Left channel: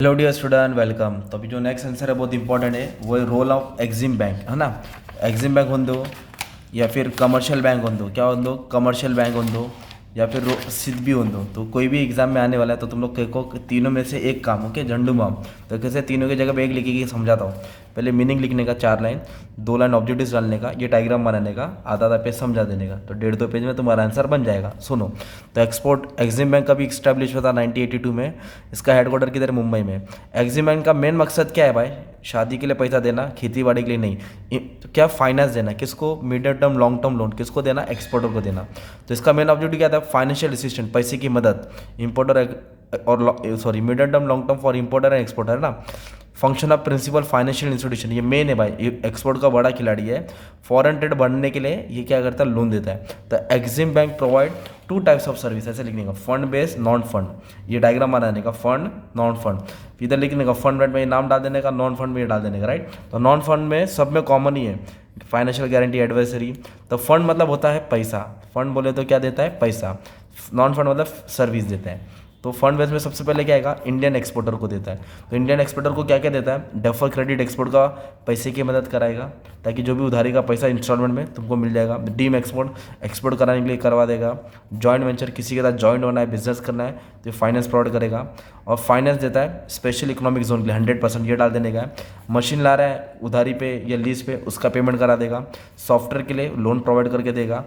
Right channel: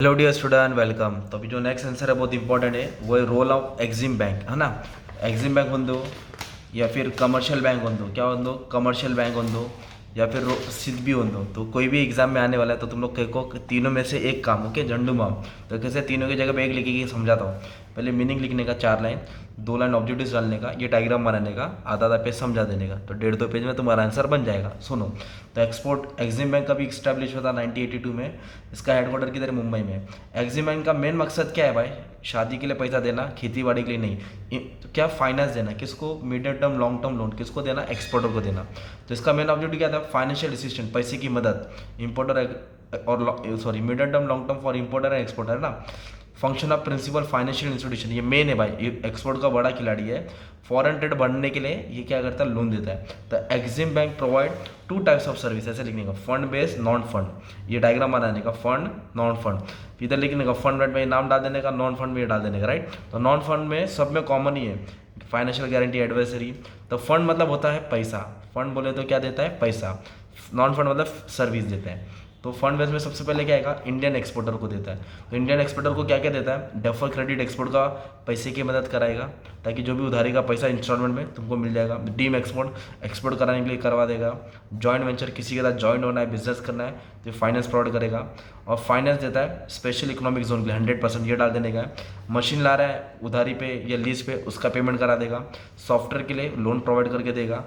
Hello dear student, welcome. तो अभी जो नेक्स्ट आंसर है बहुत इंपॉर्टेंट है, वो है रोल ऑफ एग्जिम बैंक, है ना। एग्जिम बैंक हों दो या फिर कमर्शियल बैंक हों दो, क्या हों दो, कमर्शियल बैंक हों दो या फिर सिद्ध भी हों दो, तो कोई भी एग्जाम में आने वाला है तो तुम लोग को तीनों में से एक काम, ओके, झंडू बाम। तो कैसे तीनों की जगह पे एक लिखेगी समझाता हूँ। पहले मीनिंग लिखने का 4 लाइन, 2 लाइन ऑब्जेक्टिव्स डालने का, ये डायग्राम बनाने का, आधा आधा पेज समझा देने का, तो 1.5-2 पेज में तुम्हारा आंसर बन जाएगा। सुनो, तो एग्जिम बैंक का भी स्टैब्लिश हुआ था 1982 में। इसका हेडक्वार्टर किधर, मुंबई में। एग्जिम बैंक का मेन मकसद क्या है भाई? शादी के लिए पैसा देना, खेती बाड़ी के लिए नहीं। तो क्या, फाइनेंस देना। किसको? Medium term long term loan किसको देना? एक्सपोर्टर को देना। तो इसका मेन ऑब्जेक्टिव क्या था? फाइनेंशियल असिस्टेंट, पैसे की मदद। इम्पोर्टर और sorry, medium term long term for importer and exporter, है ना। Function of principal financial institution, ये मेन है भाई, ये एक्सपोर्ट का बड़ा खिलाड़ी है। फॉरेन ट्रेड बढ़ने के लिए ये क्या करता है? लोन देता है। तो EXIM bank provide 2 types of service, ऐसे लिखने का, फंड बेस्ड, नॉन फंड। ये डायग्राम बनाने का, फंड नॉन फंड। इधर लिखने का फंड में नाम डाल देने का, नॉन फंड में डाल देने का, राइट। तो नॉन फंड में सब में कॉमन ही है, फाइनेंशियल गारंटी, एडवाइजरी। तो फंड मतलब होता है पैसा, फंड बोले तो क्या देता है? पैसा। नॉन फंड मतलब सर्विस देता है। तो फंड बेस में सबसे पहले क्या आएगा? इंडियन एक्सपोर्टर को देता है। तो इंडियन एक्सपोर्टर को क्या क्या देता है? डेफर क्रेडिट, एक्सपोर्ट का पैसे की मदद कराएगा, ताकि जो भी उधारी का पैसा इंस्टॉलमेंट में तुमको मिल जाएगा। डीम एक्सपोर्ट, एक्सपोर्ट कराने के लिए करवा देगा। जॉइंट वेंचर, किसी के साथ जॉइंट होना है, बिजनेस करना है, तो फाइनेंस प्रोवाइड करेगा। और फाइनेंस देता है स्पेशल इकोनॉमिक जोन के लिए 100%, ये डाल देने का है। मशीन ला रहा है उधारी पे या लीज पे, उसका पेमेंट करा देगा। सॉफ्टवेयर के लिए लोन प्रोवाइड करके देगा।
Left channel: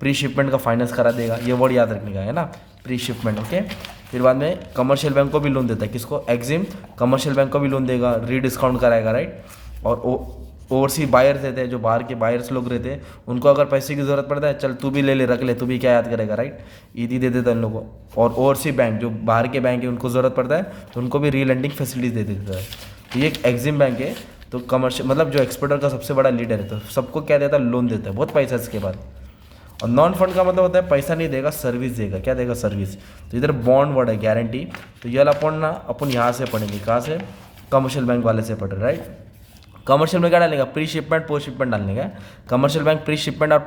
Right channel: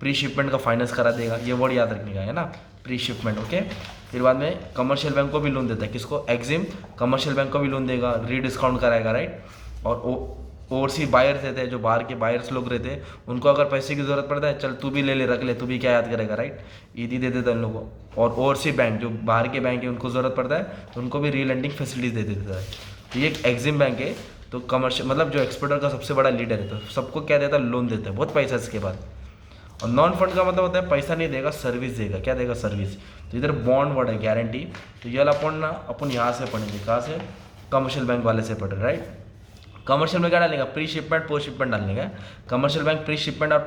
प्री शिपमेंट का फाइनेंस करा देगा, ये वर्ड याद रखने का है ना, प्री शिपमेंट, ओके। फिर बाद में कमर्शियल बैंक को भी लोन देता है, किसको? एग्जिम कमर्शियल बैंक को भी लोन देगा, रीडिस्काउंट कराएगा, राइट। और ओवरसी बायर्स रहते हैं, जो बाहर के बायर्स लोग रहते हैं, उनको अगर पैसे की ज़रूरत पड़ता है, चल तू भी ले ले, रख ले, तू भी क्या याद करेगा, राइट। ईदी दे देता है इन लोगों को। और ओवरसी बैंक, जो बाहर के बैंक है, उनको ज़रूरत पड़ता है तो उनको भी रीलेंडिंग फैसिलिटीज दे देता है। तो ये एक एग्जिम बैंक है। तो कमर्शियल मतलब जो एक्सपोर्टर का सबसे बड़ा लीडर है, तो सबको क्या देता है? लोन देता है, बहुत पैसा इसके बाद। और नॉन फंड का मतलब होता है पैसा नहीं देगा, सर्विस देगा। क्या देगा? सर्विस। तो इधर बॉन्ड वर्ड है, गारंटी। तो ये अपन यहाँ से पढ़ेंगे, कहाँ से? कमर्शियल बैंक वाले से पढ़ रहे, राइट। कमर्शियल में क्या डालेगा? प्री शिपमेंट, पोस्ट शिपमेंट डालने का। कमर्शियल बैंक प्री शिपमेंट और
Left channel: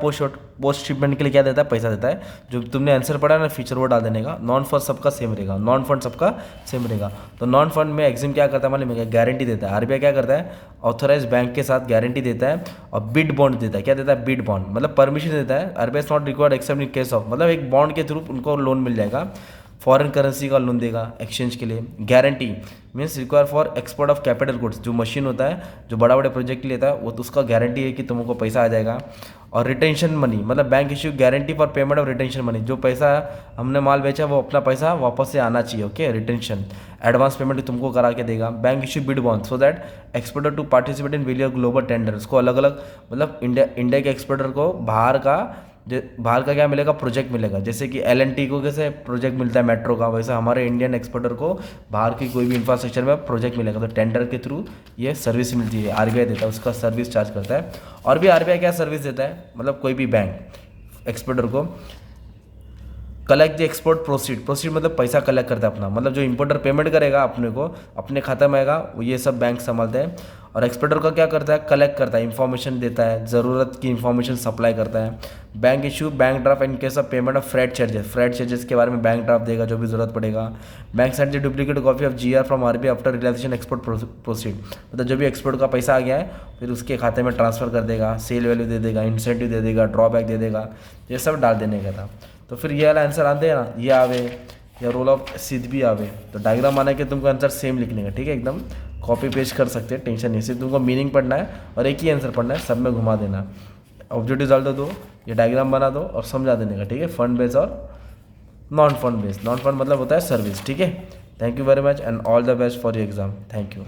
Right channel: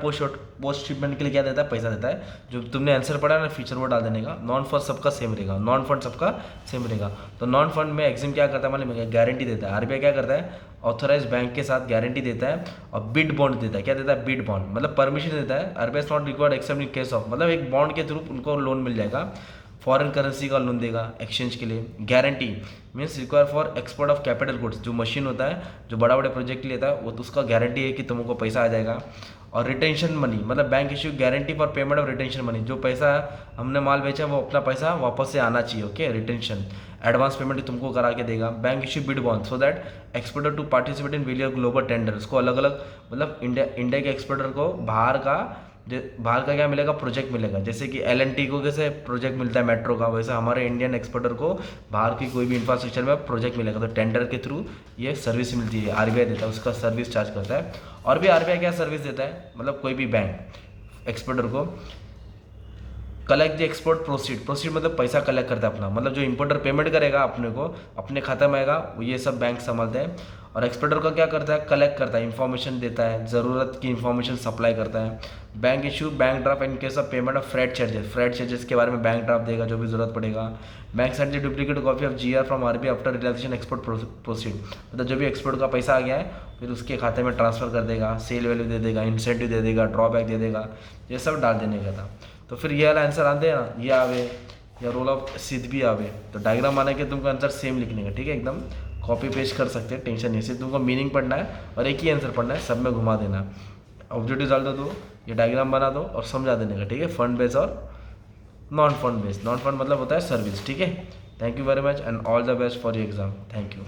पोस्ट शिपमेंट के लिए क्या देता है? पैसा देता है। जो तुमने आंसर पढ़ा ना, फीचर वो डाल देने का। नॉन फंड सबका सेम रहेगा, नॉन फंड सबका सेम रहेगा। तो नॉन फंड में एग्जिम क्या करता है मालूम है? गारंटी देता है। आरबीआई क्या करता है? ऑथराइज बैंक के साथ गारंटी देता है और बिड बॉन्ड देता है। क्या देता है? बिड बॉन्ड मतलब परमिशन देता है। RBI not required accept in case of, मतलब एक बॉन्ड के थ्रू उनको लोन मिल जाएगा। फॉरेन करेंसी का लोन देगा एक्सचेंज के लिए। Guarantee means require for export of capital goods, जो मशीन होता है, जो बड़ा बड़े प्रोजेक्ट लेता है, वो तो उसका गारंटी है कि तुमको पैसा आ जाएगा। और रिटेंशन मनी मतलब bank issue guarantee for payment of retention money, जो पैसा हमने माल बेचा वो अपना पैसा वापस से आना चाहिए, ओके। रिटेंशन एडवांस पेमेंट तुमको करा के देगा। Bank issue bid bond so that exporter to participate in various global tender, उसको अलग अलग मतलब इंडिया के एक्सपोर्टर को बाहर का क्या मिलेगा? प्रोजेक्ट मिलेगा। जैसे कि L&T को कैसे प्रोजेक्ट मिलता है मेट्रो का, वैसे हमारे इंडियन एक्सपोर्टर को बाहर की कोई भी इंफ्रास्ट्रक्चर में प्रोजेक्ट मिलेगा, तो टेंडर के थ्रू ये सर्विस मिलती है। आरबीआई देता है, उसका सर्विस चार्ज करता है। और भी आरबीआई क्या सर्विस देता है, मतलब कोई भी बैंक एक्सपोर्टर को कलेक्ट द एक्सपोर्ट प्रोसीड मतलब पैसा कलेक्ट करता है अपना, मतलब जो इंपोर्टर पेमेंट करेगा अपने को, अपने खाता में आएगा, ये सब बैंक संभालते हैं। और एक्सपोर्टर का क्या करता है? कलेक्ट करता है, इन्फॉर्मेशन देता है, ज़रूरत की इन्फॉर्मेशन सप्लाई करता है। Bank issue bank draft in case of payment of freight charges के बारे में बैंक ड्राफ्ट देगा, जो भी जरूरत पड़ेगा। Bank send the duplicate copy of GR from RBI after realisation export proceed, मतलब जो भी एक्सपोर्ट का पैसा आ गया है फिर उसके खाते में ट्रांसफ़र कर देगा, सेल वैल्यू दे देगा, इंसेंटिव दे देगा, ड्रॉबैक दे देगा, ये सब डाल देने का था। तो फिर ये वाला आंसर आते हैं ना, ये आवे या रोल ऑफ सिद्ध भी आवे, तो डायग्राम आने के तुमको आंसर सेम लिखने का, ठीक है। एकदम कॉपी पेस्ट कर सकते हैं, टेंशन नहीं। सिर्फ तुमको मीनिंग पढ़ना है और एक ही आंसर पढ़ना है, सब में घुमा देना। ऑब्जेक्टिव डाल दो, ये डायग्राम बना दो और समझा देने का, ठीक है। फंड बेस और non fund base. Non fund मतलब होता है सर्विस, ठीक है। Thank you very much and all the best for your exam. Thank you.